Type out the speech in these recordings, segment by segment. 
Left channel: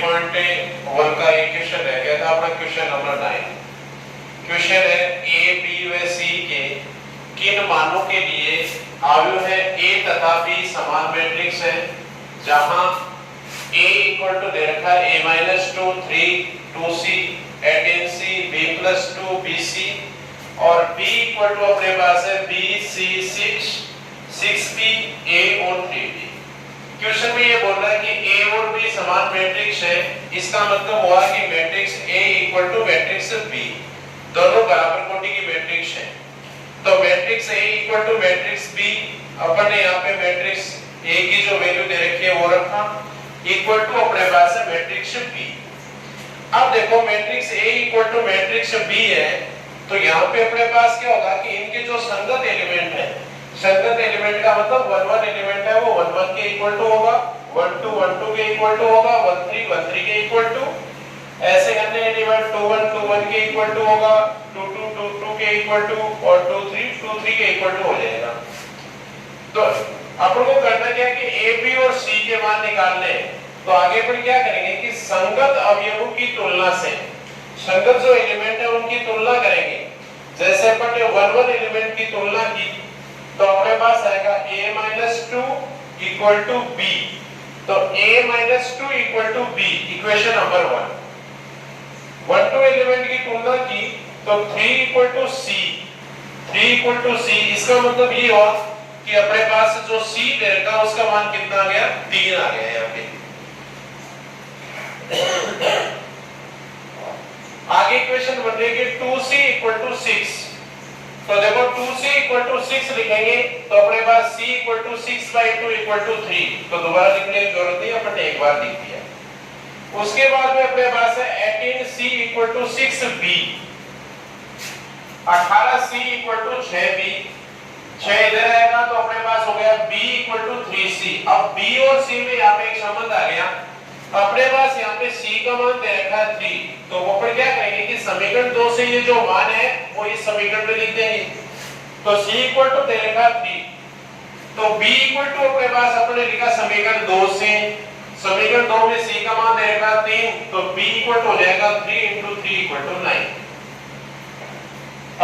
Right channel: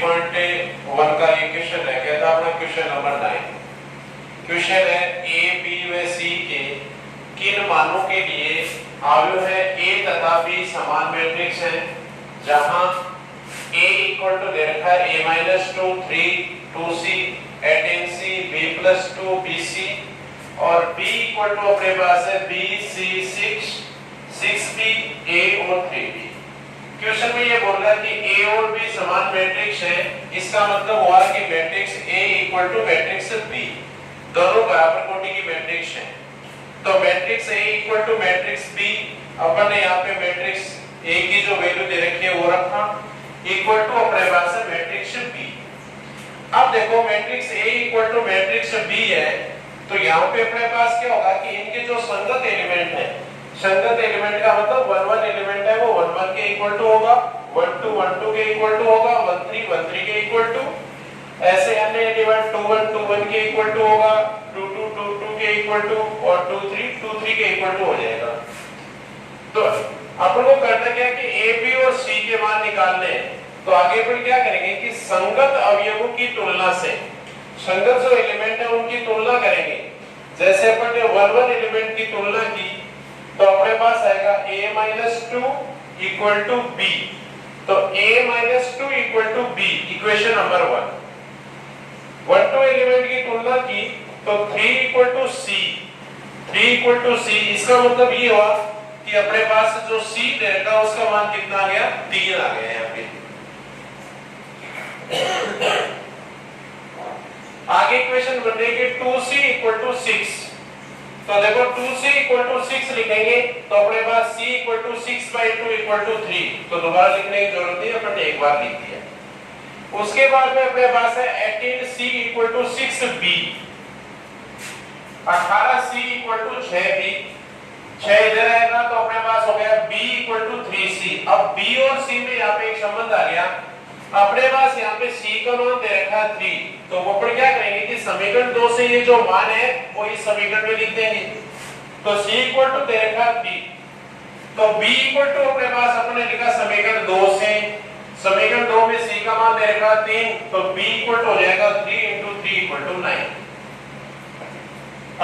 3.1 का ये क्वेश्चन है। क्या था अपना क्वेश्चन नंबर 9। क्वेश्चन है ए बी व सी के किन मानों के लिए अवयव है ए तथा बी समान मैट्रिक्स है, जहां a इक्वल टू दे रखा है a minus 2 3 2c 18c b plus 2 bc और b इक्वल टू अपने पास है b c 6 6b a और 3b। क्वेश्चन में ये बोल रहा है कि a और b समान मैट्रिक्स है। इसका मतलब हुआ कि matrix a equal to matrix b दोनों बराबर कोटि की मैट्रिक्स है। तो matrix a equal to matrix b, अपन ने यहाँ पे मैट्रिक्स a की जो वैल्यू दे रखी है वो रखा इक्वल टू अपने पास है मैट्रिक्स b। अब देखो matrix a equal to matrix b है, तो यहाँ पे अपने पास क्या होगा कि इनके जो संगत एलिमेंट है, संगत एलिमेंट का मतलब 1 1 एलिमेंट है वो 1 1 के इक्वल टू होगा, 1 2 1 2 के इक्वल टू होगा, 1 3 1 3 के इक्वल टू, ऐसे अन्य एलिमेंट 2 1 2 1 के इक्वल टू होगा, 2 2 2 2 के इक्वल टू और 2 3 2 3 के इक्वल टू हो जाएगा। तो अपन को करना क्या है कि a b और c के मान निकालने हैं। तो आगे पर क्या करेंगे कि संगत अवयवों की तुलना से संगत जो एलिमेंट है उनकी तुलना करेंगे। जैसे अपन ने 1 1 एलिमेंट की तुलना की तो अपने पास आएगा a-2 इक्वल टू b। तो a-2 equal to b equation number 1। 1 2 element की तुलना की तो 3 equal to c, 3 equal to c, इसका मतलब ये हुआ कि अपने पास जो c दे रखा उसका मान कितना आ गया, 3 आ गया यहाँ पे। आगे इक्वेशन बन रही है 2c इक्वल टू 6। तो देखो 2c इक्वल टू 6 लिखेंगे तो अपने पास c equal to 6/2 equal to 3। तो दोबारा लिखने की जरूरत नहीं, अपन ने एक बार लिख दिया। उसके बाद में अपने पास है 18c equal to 6b, 18c equal to 6b, 6 इधर आएगा तो अपने पास हो गया b इक्वल टू 3c। अब b और c में यहाँ पे एक संबंध आ गया। अपने पास यहाँ पे c का मान दे रखा है 3, तो वो पर क्या करेंगे कि समीकरण 2 से ये जो मान है वो इस समीकरण में लिख देंगे। तो c इक्वल टू दे रखा है 3, तो b इक्वल टू अपने पास अपने लिखा समीकरण 2 से, समीकरण 2 में c का मान दे रखा है 3, तो b इक्वल टू हो जाएगा 3 × 3 इक्वल टू 9।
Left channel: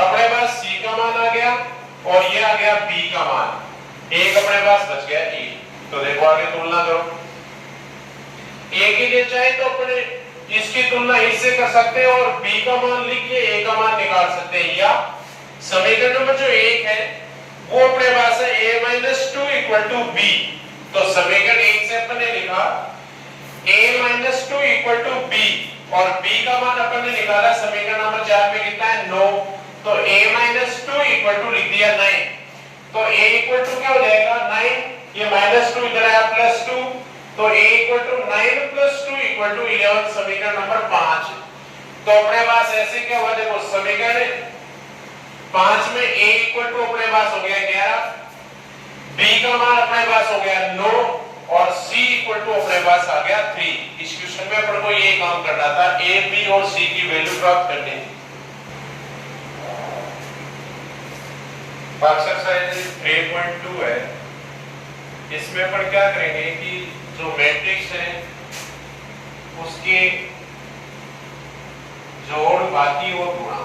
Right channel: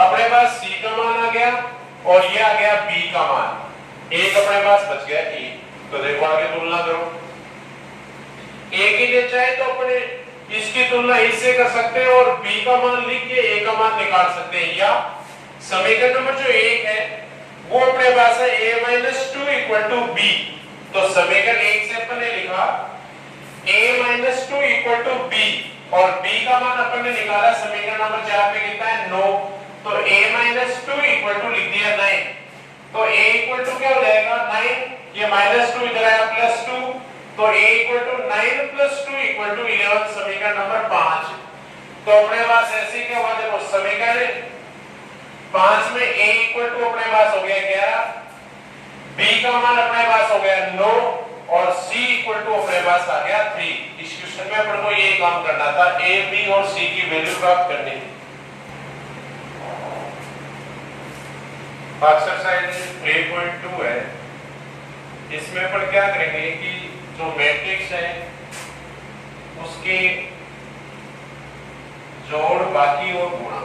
अपने पास c का मान आ गया और ये आ गया b का मान, एक अपने पास बच गया e। तो देखो आगे तुलना करो, a के लिए चाहे तो अपने इसकी तुलना इससे कर सकते हैं और b का मान लिख के a का मान निकाल सकते हैं, या समीकरण नंबर जो 1 है वो अपने पास है a-2 इक्वल टू b। तो समीकरण 1 से अपन ने लिखा a-2 इक्वल टू b और b का मान अपन ने निकाला समीकरण नंबर 4 में कितना है 9। तो a-2 इक्वल टू लिख दिया 9। तो a इक्वल टू क्या हो जाएगा 9, ये -2 इधर आया +2, तो a equal to 9 + 2 equal to 11, समीकरण नंबर 5। तो अपने पास ऐसे क्या होगा, देखो समीकरण 5 में a इक्वल टू अपने पास हो गया 11, b का मान अपने पास हो गया 9 और c इक्वल टू अपने पास आ गया 3। इस क्वेश्चन में अपन को ये काम करना था, a b और c की वैल्यू प्राप्त करनी। एक्सरसाइज 3.2 है, इसमें अपन क्या करेंगे कि जो मैट्रिक्स है उसके जोड़ बाकी और गुणा,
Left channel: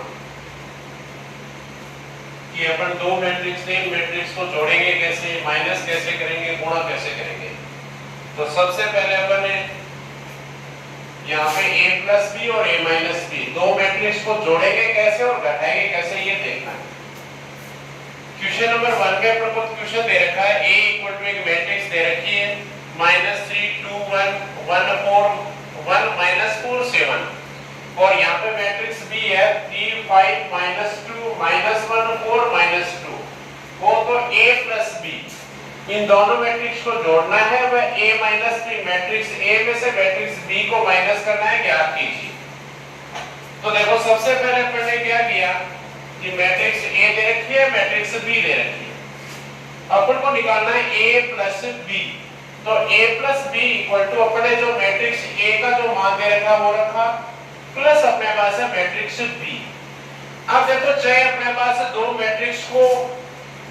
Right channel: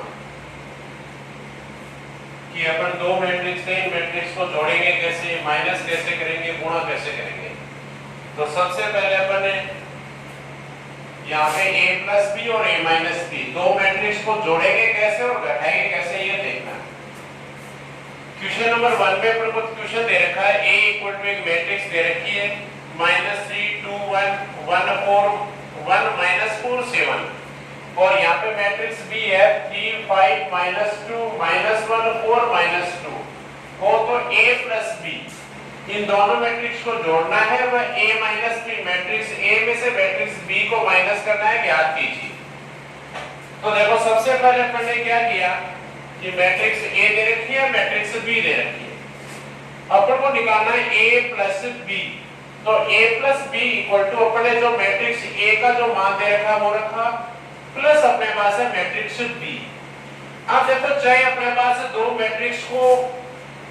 कि अपन दो मैट्रिक्स थे, मैट्रिक्स को जोड़ेंगे कैसे, माइनस कैसे करेंगे, गुणा कैसे करेंगे। तो सबसे पहले अपन ने यहाँ पे a + b और a - b दो मैट्रिक्स को जोड़ेंगे कैसे और घटाएंगे कैसे, ये देखना है। क्वेश्चन नंबर 1 पे अपन को क्वेश्चन दे रखा है a इक्वल टू एक मैट्रिक्स दे रखी है -3 2 1 1 4 1 -4 7 और यहाँ पे मैट्रिक्स b है 3 5 -2 -1 4 -2 हो। तो a + b इन दोनों मैट्रिक्स को जोड़ना है, वह a - b मैट्रिक्स a में से मैट्रिक्स b को माइनस करना है, ज्ञात कीजिए। तो देखो सबसे पहले अपन ने क्या किया कि मैट्रिक्स a दे रखी है, मैट्रिक्स b दे रखी है, अपन को निकालना है a + b। तो a + b इक्वल टू अपने जो मैट्रिक्स a का जो मान दे रखा वो रखा प्लस अपने पास है मैट्रिक्स b। अब देखो चाहे अपने पास दो मैट्रिक्स को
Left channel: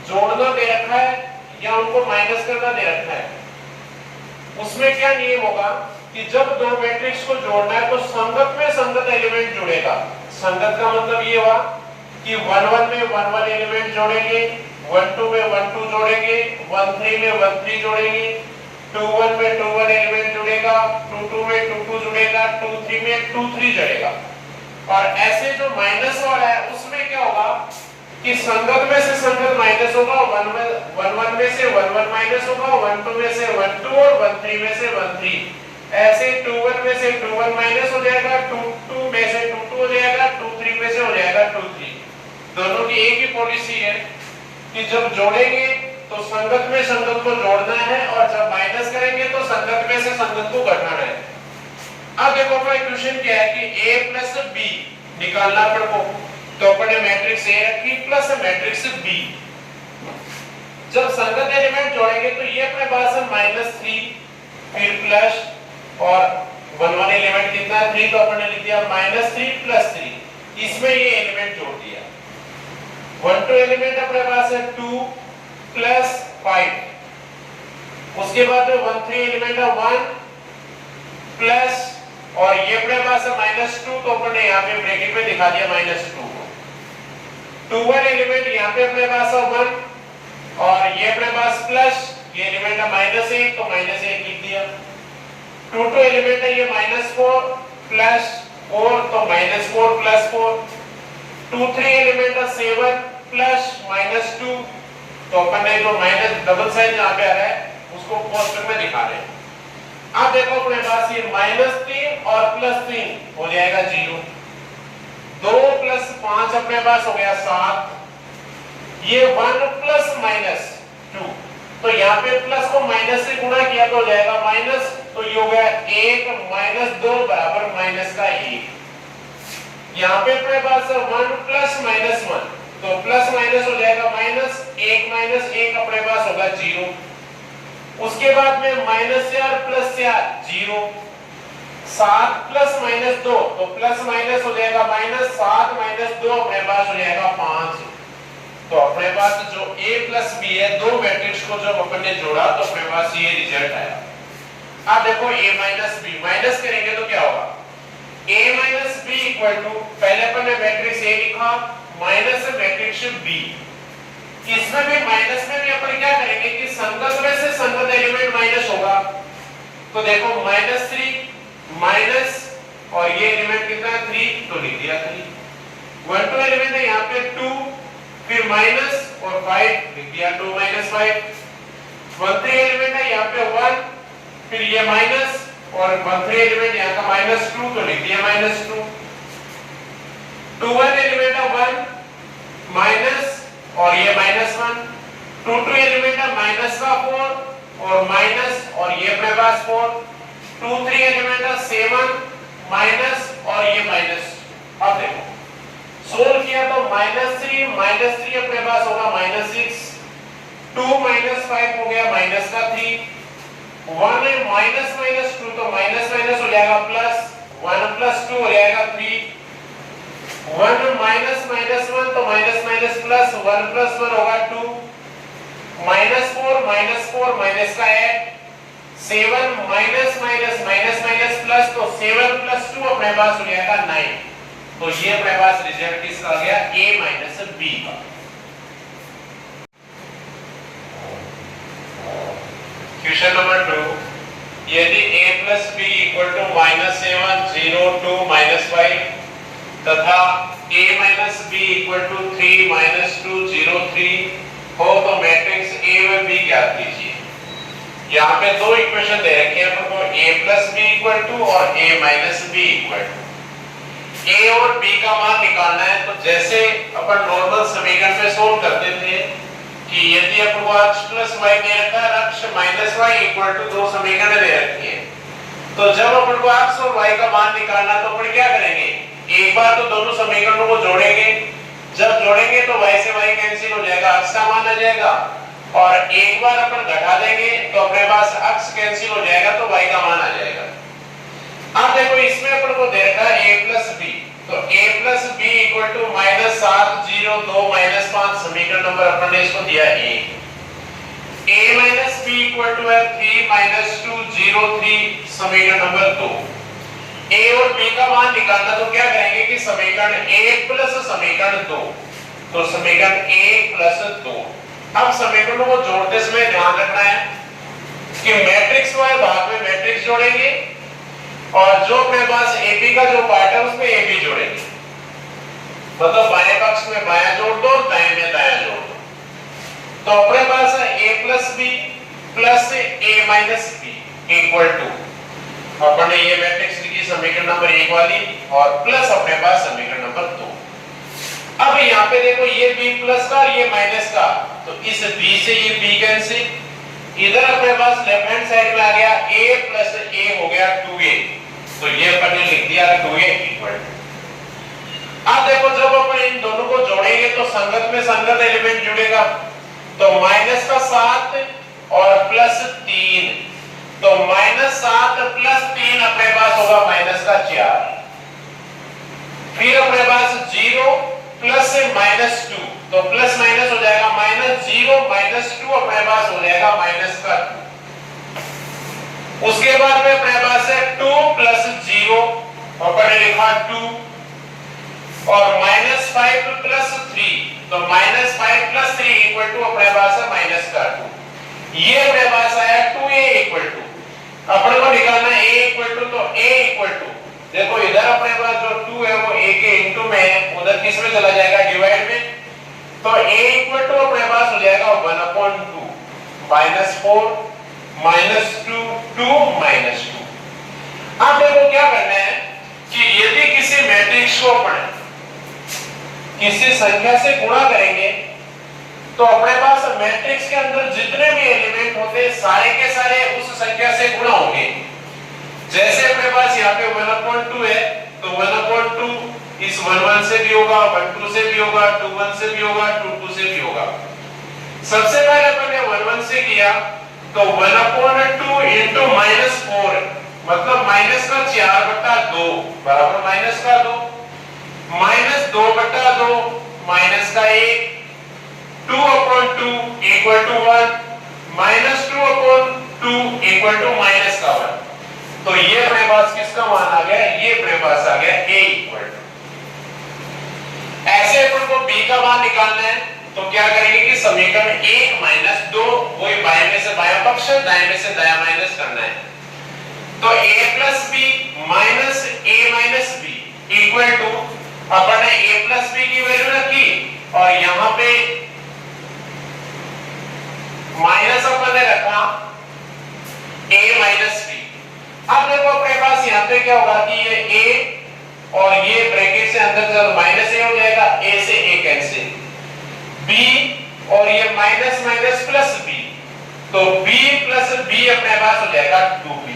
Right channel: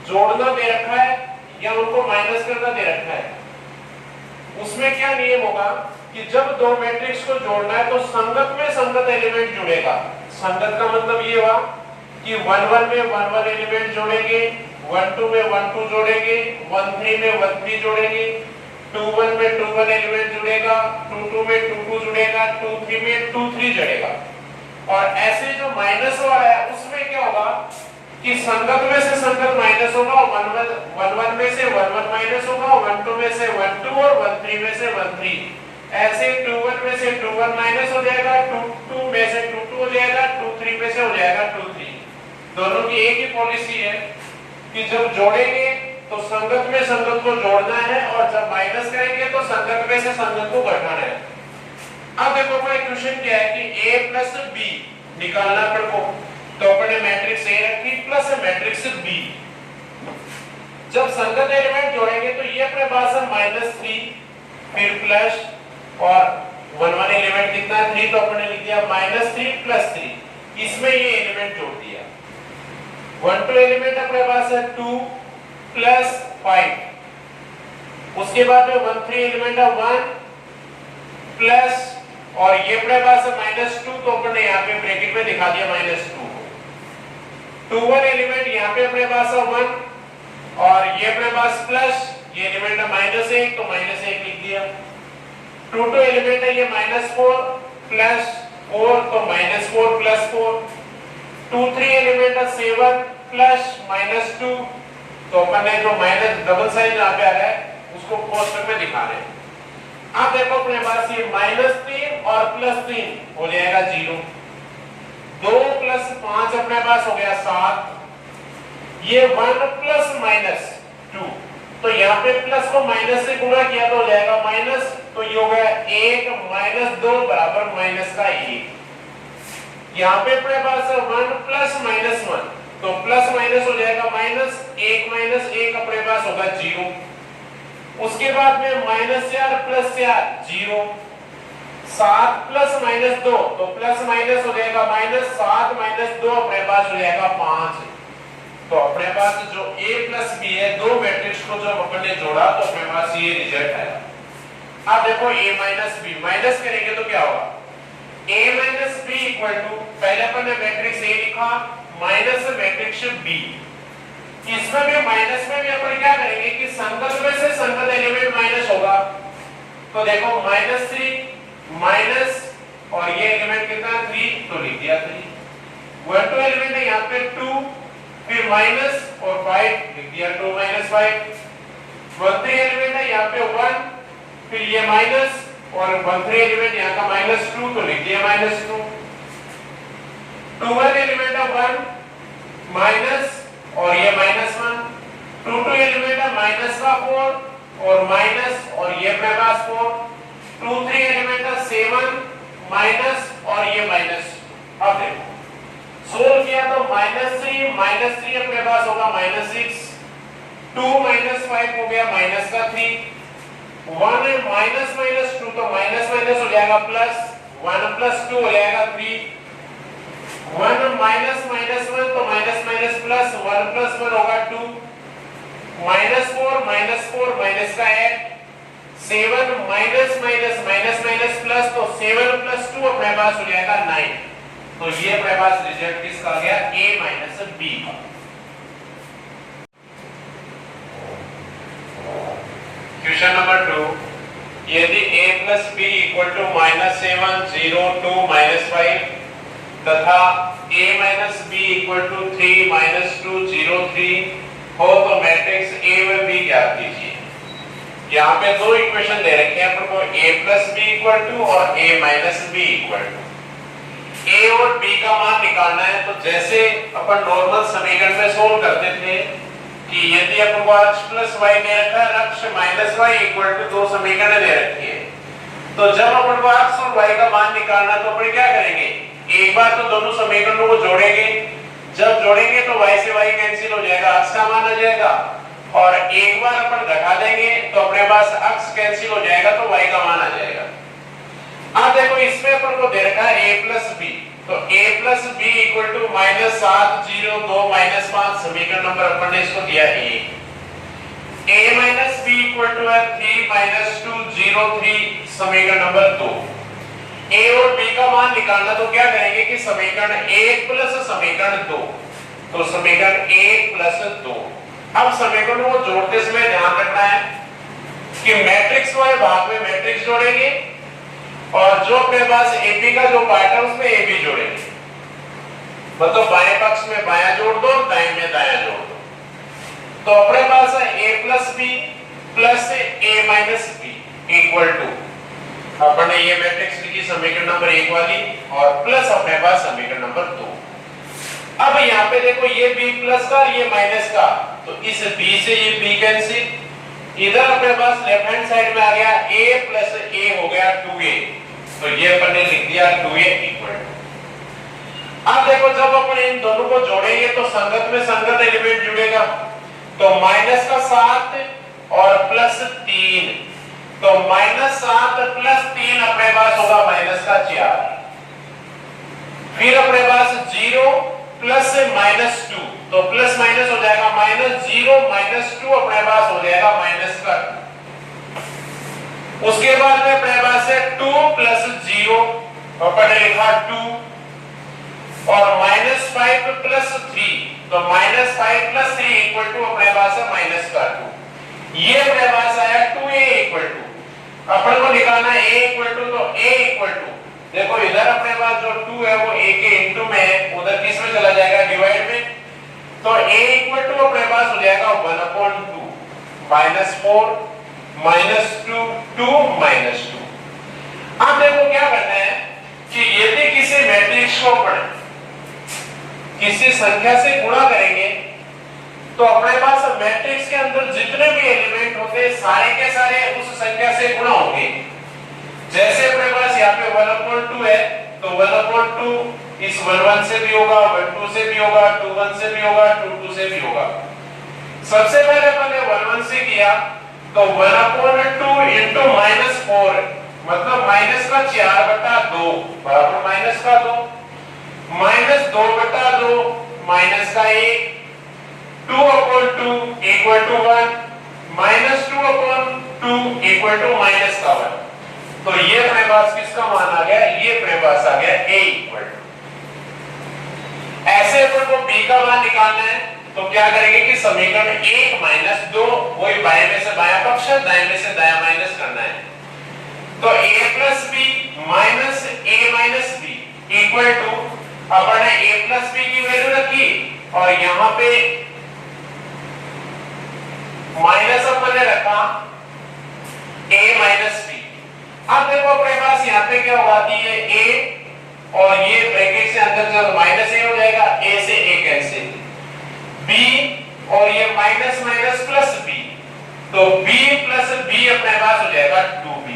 जोड़ना दे रखा है या उनको माइनस करना दे रखा है, उसमें क्या नियम होगा कि जब दो मैट्रिक्स को जोड़ना है तो संगत में संगत एलिमेंट जुड़ेगा। संगत का मतलब ये हुआ कि 1 1 में 1 1 एलिमेंट जोड़ेंगे, 1 2 में 1 2 जोड़ेंगे, 1 3 में 1 3 जोड़ेंगे, 2 1 में 2 1 एलिमेंट जुड़ेगा, 2 2 में 2 2 जुड़ेगा, 2 3 में 2 3 जुड़ेगा। और ऐसे जो माइनस वाला है उसमें क्या होगा कि संगत में से संगत माइनस होगा, 1 1 में से 1 1 माइनस होगा, 1 2 में से 1 2 और 1 3 में से 1 3। ऐसे 2 1 में से 2 1 माइनस हो जाएगा, 2 2 में से 2 2 हो जाएगा, 2 3 में से हो जाएगा 2 3। दोनों की एक ही पॉलिसी है कि जब जोड़ेंगे तो संगत में संगत को जोड़ना है और जब माइनस करेंगे तो संगत में से संगत को घटाना है। अब देखो अपना इक्वेशन क्या है कि a प्लस b निकालना अपन को, तो अपन ने मैट्रिक्स a रखी प्लस मैट्रिक्स b। जब संगत एलिमेंट जोड़ेंगे तो ये अपने पास है -3 फिर प्लस और 1 1 एलिमेंट कितना 3, तो अपन ने लिख दिया -3 प्लस 3। इसमें ये एलिमेंट जोड़ दिया। 1 2 एलिमेंट अपने पास है 2 प्लस 5। उसके बाद में 1 3 एलिमेंट है 1 प्लस और ये अपने पास है -2, तो अपन ने यहाँ पे ब्रैकेट में दिखा दिया -2 को। 2 1 एलिमेंट यहाँ पे अपने पास है 1 और ये अपने पास प्लस ये एलिमेंट है -1 तो -1 लिख दिया। 2 2 एलिमेंट है ये -4 प्लस 4 तो -4 प्लस 4। 2 3 एलिमेंट है 7 प्लस -2, तो अपन ने जो माइनस डबल साइन जहां पे आ रहा है उसको कोष्टक में दिखा रहे हैं। अब देखो अपने पास ये -3 और +3 हो जाएगा 0। 2 + 5 अपने पास हो गया 7। ये 1 प्लस -2, तो यहाँ पे प्लस को माइनस से गुणा किया तो हो जाएगा माइनस, तो ये हो गया 1 - 2 बराबर माइनस का 1। यहाँ पे अपने पास है 1 प्लस -1, तो प्लस माइनस हो जाएगा माइनस, 1 - 1 अपने पास होगा 0। उसके बाद में -4 + 4 0। 7 प्लस -2 तो प्लस माइनस हो जाएगा माइनस, 7 - 2 अपने पास हो जाएगा 5। तो अपने पास जो a प्लस b है, दो मैट्रिक्स को जब अपन ने जोड़ा तो अपने पास ये रिजल्ट आया। अब देखो a माइनस b माइनस करेंगे तो क्या होगा, a minus b equal to, पहले अपन ने मैट्रिक्स a लिखा माइनस मैट्रिक्स b। इसमें भी माइनस में भी अपन क्या करेंगे कि संगत में से संगत एलिमेंट माइनस होगा। तो देखो -3 माइनस और ये एलिमेंट कितना 3, तो लिख दिया 3। 1 2 एलिमेंट है यहाँ पे 2 फिर माइनस और 5 लिख दिया 2 - 5। 1 3 एलिमेंट है यहाँ पे 1 फिर ये माइनस और 1 3 एलिमेंट यहाँ का -2 तो लिख दिया -2। 2 1 एलिमेंट है 1 माइनस और ये -1। 2 2 एलिमेंट है माइनस का 4 और माइनस और ये अपने पास 4। 2 3 एलिमेंट है 7 माइनस और ये माइनस। अब देखो सोल्व किया तो -3 अपने पास होगा -6। 2 - 5 हो गया माइनस का 3। 1 है -2 तो माइनस माइनस हो जाएगा प्लस, 1 + 2 हो जाएगा 3। 1 - -1 तो माइनस माइनस प्लस, 1 + 1 होगा 2। -4 माइनस का 8। 7 minus minus minus minus plus, तो 7 + 2 अपने पास हो जाएगा 9। तो ये अपने पास रिजल्ट किसका आ गया, a माइनस b का। क्वेश्चन नंबर 2, यदि a + b = -7 0 2 -5 तथा a - b = 3 - 2 0 3 हो तो मैट्रिक्स a व b ज्ञात कीजिए। यहाँ पे दो इक्वेशन दे रखे हैं अपन को, a + b = और a - b = a और b का मान निकालना है। तो जैसे अपन नॉर्मल समीकरण में सोल्व करते थे कि यदि अपन को x + y दे रखा है, x - y = 2 समीकरण दे रखी है, तो जब अपन को x और y का मान निकालना है तो अपन क्या करेंगे, एक बार तो दोनों समीकरणों को जोड़ेंगे। जब जोड़ेंगे तो y से y कैंसिल हो जाएगा, x का मान आ जाएगा, और एक बार अपन घटा देंगे तो अपने पास x कैंसिल हो जाएगा तो y का मान आ जाएगा। अब देखो इसमें अपन को दे रखा है a + b, तो a + b = -7 0 2 -5 समीकरण नंबर अपन ने इसको दिया a। a - b p equal to है 3 - 2 0 3 समीकरण नंबर 2। a और b का मान निकालना तो क्या करेंगे कि समीकरण 1 प्लस समीकरण 2, तो समीकरण 1 प्लस 2। अब समीकरणों को जोड़ते समय ध्यान रखना है कि मैट्रिक्स वाले भाग में मैट्रिक्स जोड़ेंगे और जो अपने पास AP का जो पार्ट है उसमें AB जोड़ेंगे। मतलब बाएं पक्ष में बायां जोड़ दो, दाएं में दायां जोड़ दो। तो अपने पास है a + b + a - b equal to, अपन ने ये मैट्रिक्स लिखी समीकरण नंबर 1 वाली और प्लस अपने पास समीकरण नंबर 2। अब यहाँ पे देखो ये b प्लस का और ये माइनस का, तो इस b से ये b कैंसिल, इधर अपने पास लेफ्ट हैंड साइड में आ गया a + a हो गया 2a, तो ये अपन ने लिख दिया 2a इक्वल टू। अब देखो जब अपन इन दोनों को जोड़ेंगे तो संगत में संगत एलिमेंट जुड़ेगा, तो -7 और +3, तो -7 + 3 अपने पास होगा -4। फिर अपने पास 0 प्लस से -2, तो प्लस माइनस हो जाएगा -0 -2 अपने पास हो जाएगा -2। उसके बाद में अपने पास है 2 + 0, अपन ने लिखा 2 और -5 + 3, तो -5 + 3 इक्वल टू अपने पास है -2। ये अपने पास आया 2a इक्वल टू। अपन को निकालना है a इक्वल टू, तो a इक्वल टू देखो इधर अपने पास जो 2 है वो a के इनटू में है, उधर किस में चला जाएगा डिवाइड में, तो a इक्वल टू अपने पास हो जाएगा 1/2 -4 -2 2 -2। अब देखो क्या करना है कि यदि किसी मैट्रिक्स को अपन किसी संख्या से गुणा करेंगे तो अपने पास मैट्रिक्स के अंदर जितने भी एलिमेंट होते हैं सारे के सारे उस संख्या से गुणा होंगे। जैसे अपने पास यहाँ पे 1/2 है, तो 1/2 इस 1 से भी होगा, 1 से भी होगा, 2 से भी होगा, 2 से भी होगा। सबसे पहले अपन ने 1 से किया, तो 1/2 इंटू -4 मतलब -4/2 बराबर -2, -2/2 -1, 2/2 इक्वल टू 1, -2/2 इक्वल टू -1। तो ये अपने पास किसका मान आ गया, ये अपने पास आ गया a इक्वल टू। ऐसे अपन को b का मान निकालना है, तो क्या करेंगे कि समीकरण 1 - 2 वही बाएं में से बायां पक्ष, दाएं में से दायां माइनस करना है, तो a + b - a - b equal to अपन ने a + b की वैल्यू रखी और यहां पे माइनस अपन ने रखा a - b। अब देखो अपने पास यहाँ पे क्या होगा कि ये a और ये ब्रैकेट से अंदर चलो -a हो जाएगा, a से a कैंसिल, b और ये माइनस माइनस प्लस b, तो b + b अपने पास हो जाएगा 2b।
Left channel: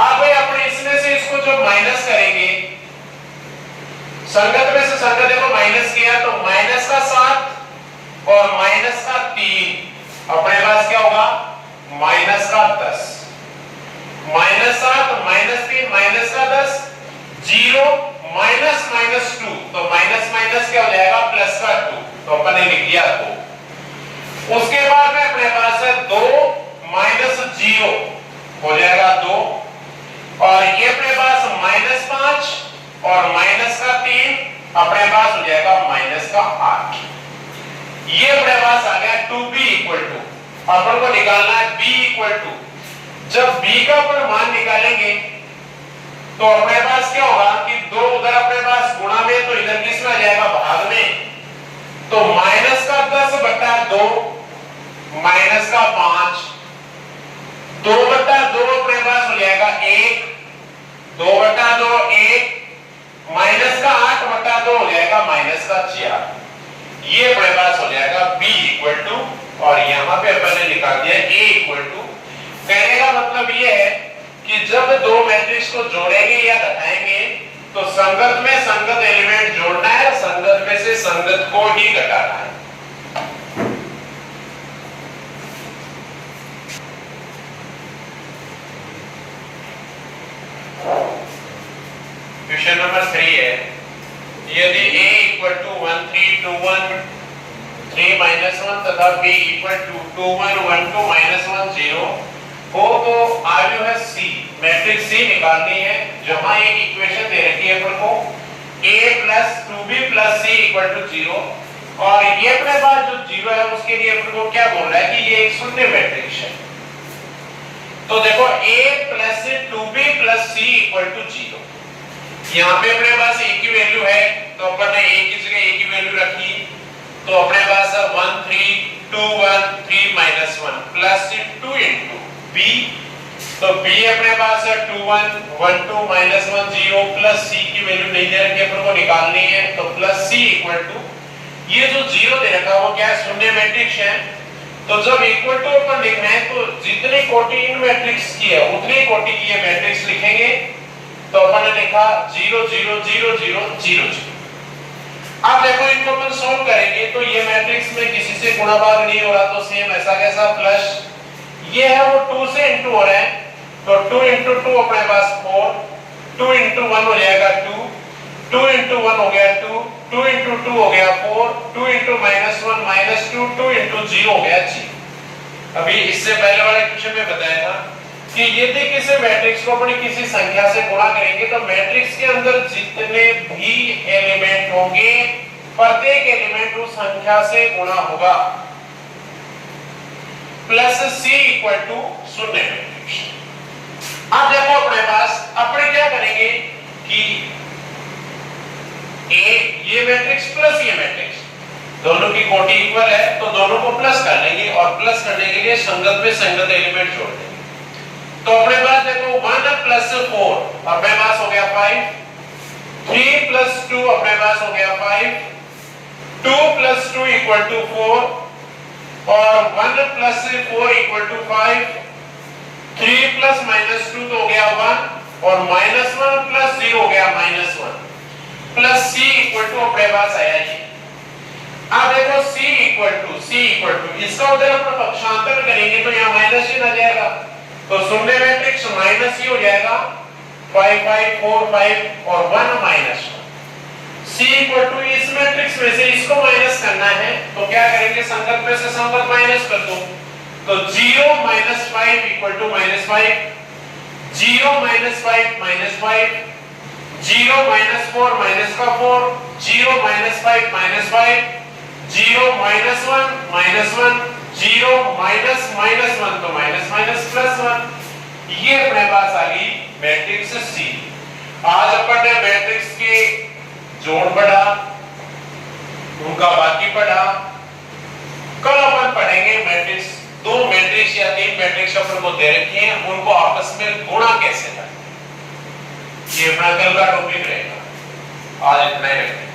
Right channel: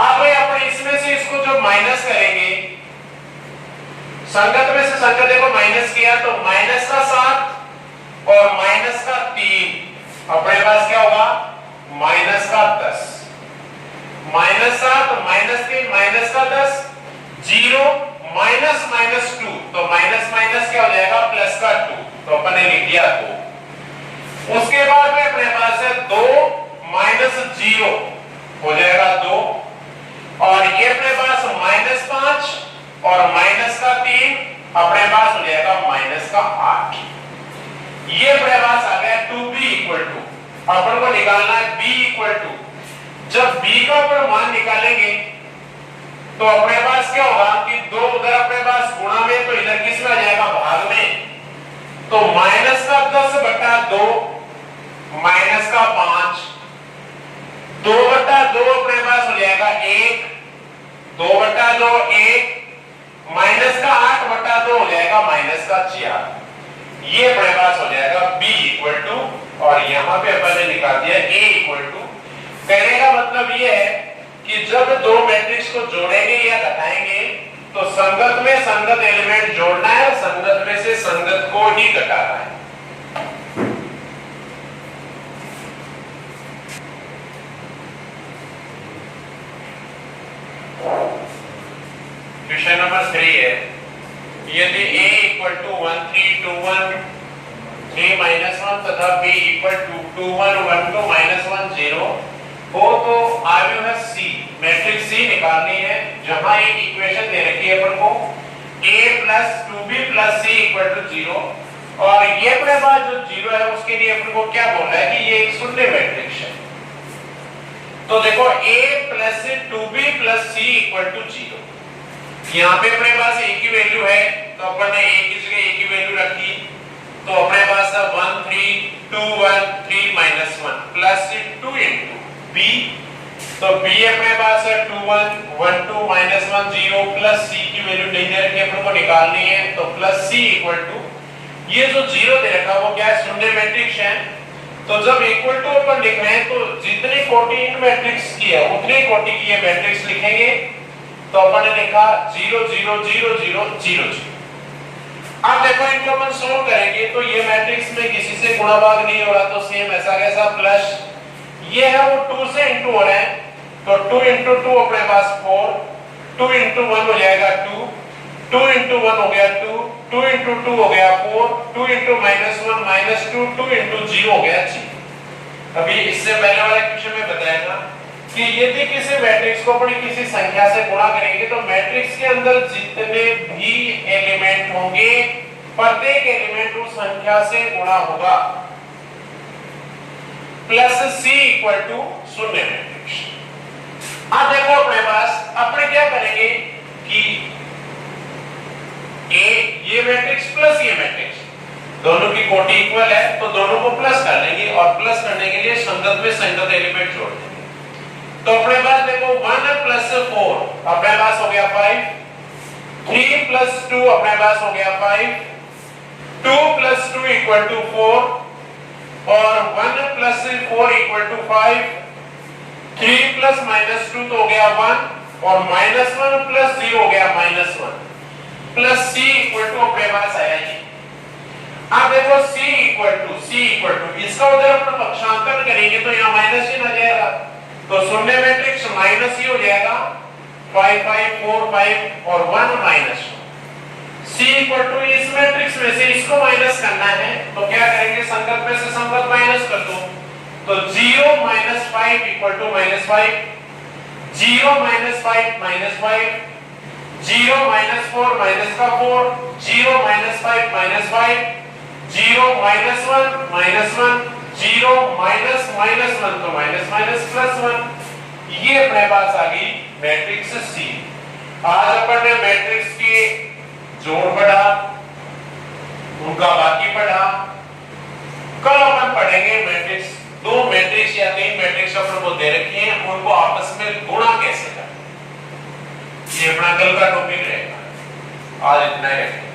अब अपन इसमें से इसको जो माइनस करेंगे, संगत में से संगत देखो माइनस किया तो -7 और -3 अपने पास क्या होगा -10, -7 -3 -10 0 -2, तो माइनस क्या हो जाएगा +2, तो अपन ने लिख दिया 2। उसके बाद में अपने पास है 2 - 0 हो जाएगा 2 और ये अपने पास -5 और -3 अपने पास हो जाएगा -8। ये अपने पास आ गया 2b इक्वल टू। अपन को निकालना है b इक्वल टू, जब b का अपन मान निकालेंगे तो अपने पास क्या होगा कि 2 उधर अपने पास गुणा में, तो इधर किस में आ जाएगा भाग में, तो -10/2 -5 2/2 अपने पास हो जाएगा 1, 2/2 1 -8/2 हो जाएगा -4। ये अपने पास हो जाएगा b इक्वल टू और यहां पे अपन ने निकाल दिया a इक्वल टू। कहने का मतलब ये है कि जब दो मैट्रिक्स को जोड़ेंगे या घटाएंगे तो संगत में संगत एलिमेंट जोड़ना है, संगत में से संगत को ही घटाना है। क्वेश्चन नंबर 3 है, यदि a = 1 3 2 1 3 - 1 तथा b = 2 1 1 2 -1 0 हो तो आयु है सी, मैट्रिक्स सी निकालनी है, जहां एक इक्वेशन दे रखी है अपन को a + 2b + c = 0 और ये अपने पास जो 0 है उसके लिए अपन को क्या बोलना है कि ये एक शून्य मैट्रिक्स है। तो देखो a + 2b + c = 0। यहाँ पे अपने पास a की वैल्यू है तो अपन ने a की जगह a की वैल्यू रखी, तो अपने पास 1 3 2 1 3 -1 प्लस 2 into b, तो b अपने पास 2 1 1 2 -1 0 प्लस c की वैल्यू नहीं दे रखी अपन को निकालनी है, तो प्लस c = ये जो 0 दे रखा वो क्या है, शून्य मैट्रिक्स है। तो जब इक्वल टू अपन लिख रहे हैं तो जितनी कोटि इन मैट्रिक्स की है उतनी कोटि की ये मैट्रिक्स लिखेंगे। तो अपन ने लिखा 0 0 0 0 0 0। अब देखो इनको अपन सोल्व करेंगे तो ये मैट्रिक्स में किसी से गुणा भाग नहीं हो रहा, तो सेम ऐसा कैसा प्लस ये है वो 2 से इनटू हो रहा है, तो 2 into 2 अपने पास 4, 2 into 1 हो जाएगा 2, 2 into 1 हो गया 2, 2 into 2 हो गया 4, 2 into -1 -2, 2 into 0 हो गया 0। अभी इससे पहले वाले क्वेश्चन में बताया था कि यदि किसी मैट्रिक्स को अपनी किसी संख्या से गुणा करेंगे तो मैट्रिक्स के अंदर जितने भी एलिमेंट होंगे प्रत्येक एलिमेंट उस संख्या से गुणा होगा, प्लस c = शून्य मैट्रिक्स। अब देखो अपने पास अपन क्या करेंगे कि a ये मैट्रिक्स प्लस ये मैट्रिक्स दोनों की कोटि इक्वल है, तो दोनों को प्लस कर लेंगे और प्लस करने के लिए संगत में संगत एलिमेंट जोड़ देंगे। तो अपने पास देखो 1 + 4 अपने पास हो गया 5, 3 + 2 अपने पास हो गया 5, 2 + 2 = 4 और 1 + 4 = 5, 3 + -2 तो हो गया 1 और -1 + 0 हो गया -1 प्लस c = अपने पास आया जी। अब देखो c = इसका उधर अपना पक्षांतर करेंगे तो यहाँ माइनस ही आ जाएगा, तो शून्य मैट्रिक्स माइनस ही हो जाएगा, 5 5 4 5 और 1 -1। c = इस मैट्रिक्स में से इसको माइनस करना है तो क्या करेंगे, संगत में से संगत माइनस कर दो, तो 0 - 5 = -5, 0 - 5 -5, 0 - 4 - 4, 0 - 5 -5, 0 - 1 0 -1 तो -1 ये अपने पास आ गई मैट्रिक्स C। आज अपन ने मैट्रिक्स के जोड़ पढ़ा, उनका बाकी पढ़ा, कल अपन पढ़ेंगे मैट्रिक्स, 2 मैट्रिक्स या 3 मैट्रिक्स अपन को दे रखे हैं उनको आपस में गुणा कैसे करें, ये अपना कल का टॉपिक रहेगा। आज इतना ही रखें।